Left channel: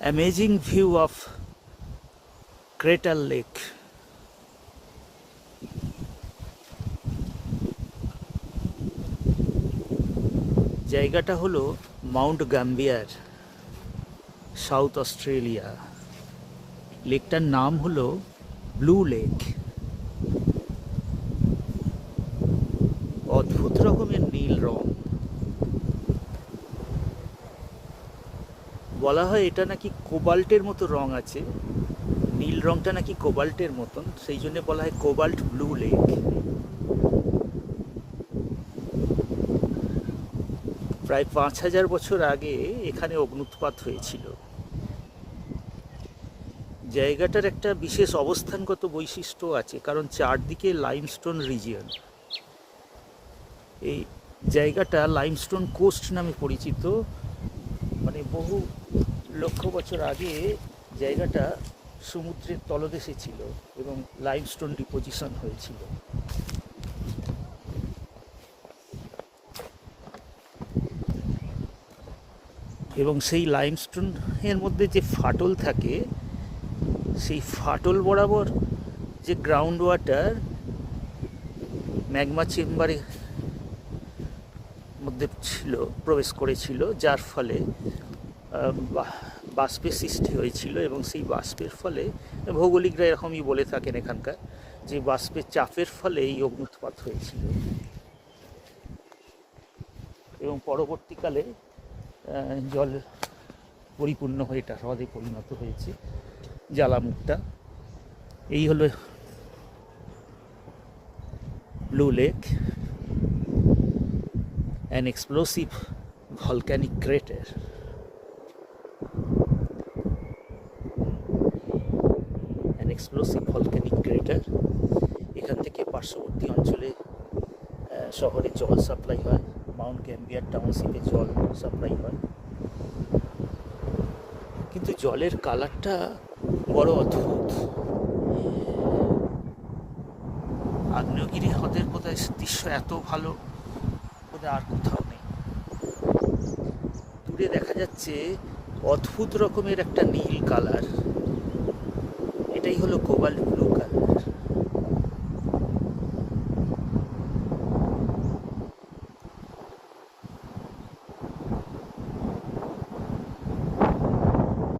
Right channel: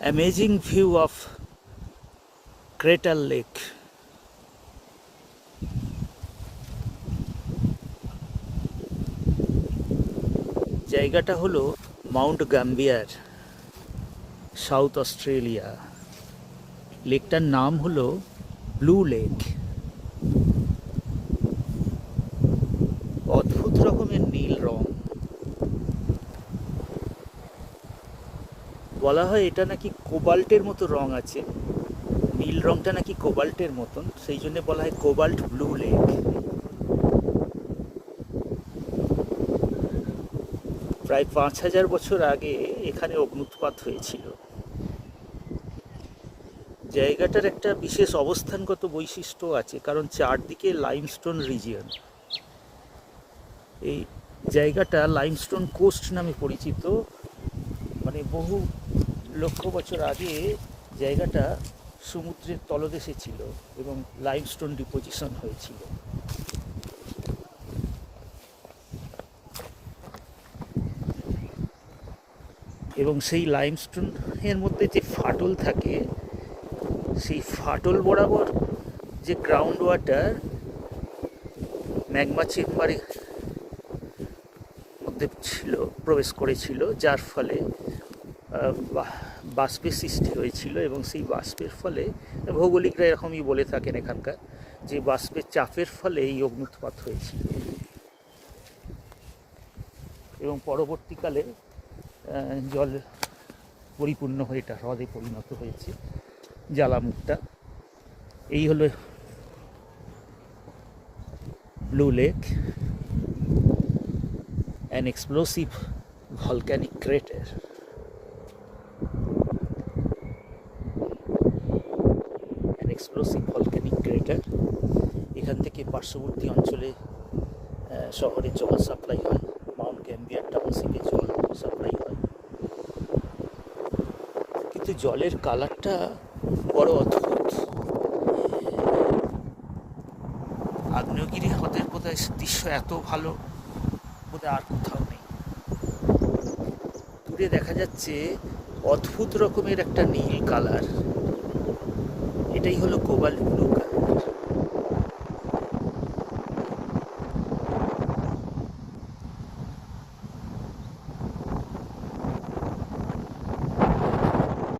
Amazing view of Crater Lake. জায়গাটা হলো Mount গাম্বিয়ার, south Australia. লেকটার নাম হলো ব্লু লেক। অদ্ভুত রকমের নীল রং। বলা হয় এটা নাকি কোবাল্টের মতো রং আছে, নীল রংটা নাকি কোবাল্টের মতন, সেই জন্য বলা হয় কোবাল্ট ব্লু লেক। প্রায় ৫,০০০ বছর আগে এখানে অগ্ন্যুৎপাত হয়েছিল। জায়গাটার একটা বিশেষ অবস্থানগত বৈশিষ্ট্য আছে, কারণ চারদিকে লাইমস্টোন রিজিয়ন। এই জায়গাটা লাইমস্টোন কোস্ট নামে পরিচিত। মানে বহু লক্ষ বছর আগে জায়গাটা সমুদ্রের তলদেশে ছিল এবং লাইমস্টোন ডিপোজিশন হয়েছিল। এবং সেই লাইমস্টোনের মধ্যে যে ফাটল থাকে, সেই ফাটল বরাবর যে গ্রাউন্ড ওয়াটার ম্যাগমা চেম্বারের মধ্যে ছিল, প্রবেশ করেছিল, যার ফলে বাষ্পের সৃষ্টি হয়েছিল। এবং সেই বাষ্পের ফলে, ভৌগোলিকরা এরকমই বলে থাকেন এখানকার, যে বাষ্পের চাপের ফলে এই অগ্ন্যুৎপাত হয়েছিল। এবং পরবর্তীকালে জল পরিপূর্ণ হয়ে এটা হ্রদে পরিণত হয়েছে, জ্বালামুখটা। এই হলো blue lake, an explosive volcanic crater. An explosive volcanic crater. এখান থেকে পার্শ্ববর্তী অঞ্চলে শহরে জল সাপ্লাই হয়, মাউন্ট গ্যাম্বিয়ার টাউনশিপে জল সাপ্লাই হয়। কিন্তু জলের কালারটা বড় অদ্ভুত। আগ্নেয়গিরি হ্রদের বোধহয় দৃশ্য এত ভালো বোধহয় আর কোথাও নেই। দূরে দেখা যাচ্ছে অদ্ভুত রকমের একটা নীল কালার, এটাই হলো কোবাল্ট ব্লু